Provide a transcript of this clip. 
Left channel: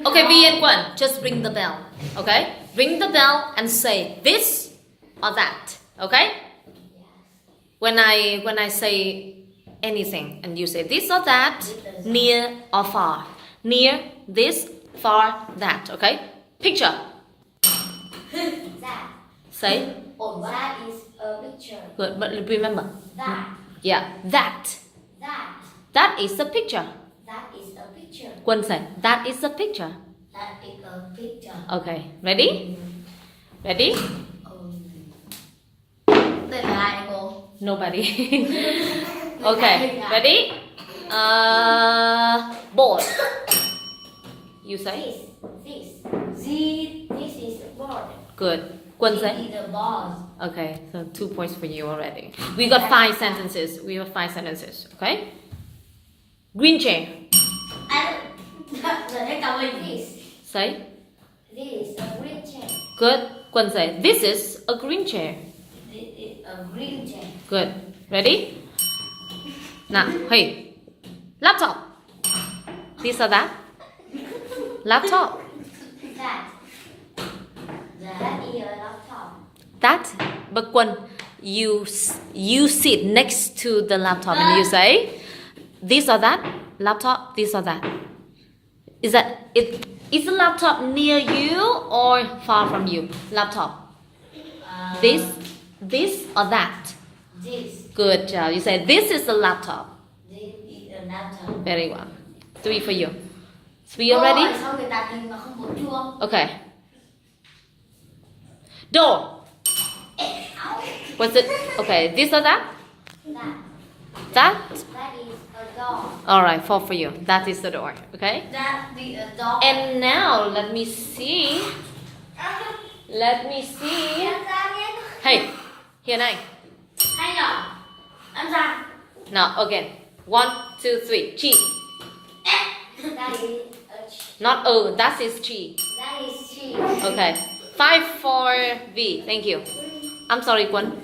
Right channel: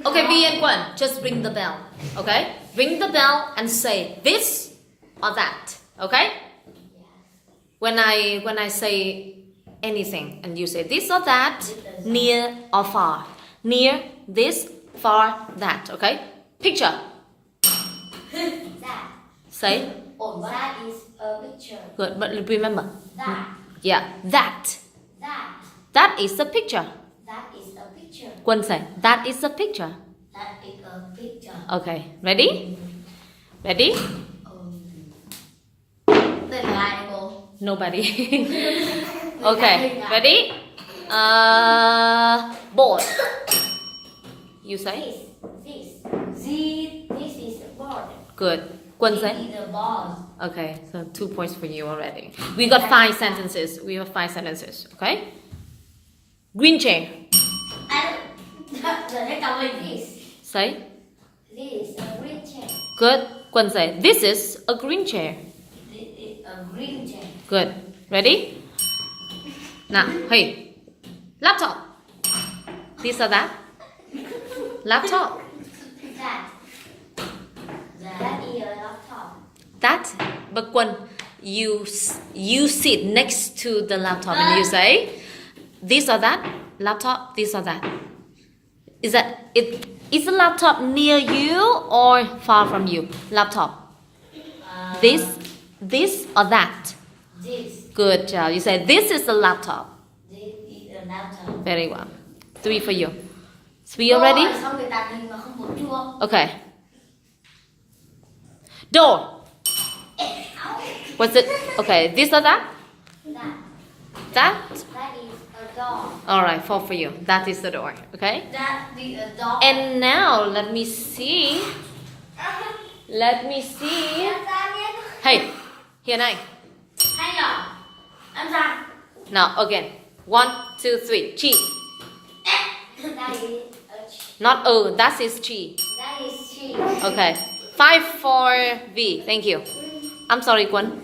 Okay, V and Gwen, just ring the bell. Okay? Ring the bell and say this or that. Okay? When I say anything and you say this or that, near or far. Near, this, far, that. Okay? Picture. That. Say. Oh, that is a picture. Good, but remember. That. Yeah, that. That. That is a picture. That is a picture. Quân say, that is a picture. That is a picture. Okay, ready? Ready? Tên là ai cô? Nobody. Okay, ready? Board. You say? This is the board. Good. Quân This say? is the ball. Okay, so 2 points for you already. We got 5 sentences. We have 5 sentences. Okay? Green chair. They come with this. Say? This is a green chair. Good. Quân say, this is a green chair. This is a green chair. Good. Ready? Now, hey. Laptop. This or that? Laptop. That. That is a laptop. That. But Quân, you sit next to the laptop and you say, this or that? Laptop, this or that? Is the laptop near you or far from you? Laptop. This or that? This. Good job. You say, this is the laptop. This is a laptop. Very well. 3 for you. 3 already? Sao người ta nhìn mà không bấm chuông? Okay. Door. What's it? Okay, this or that? That. That? That is a door. Alright, 4 for you. That is the door. Okay? That is a door. And now, let me see. Let me see. Hey, here này. Hay nhở? Ăn ra. Now, again. 1, 2, 3. Chi. That is a tree. Not that is chi. That is tree. Okay. 5 for V. Thank you. I'm sorry, Quân.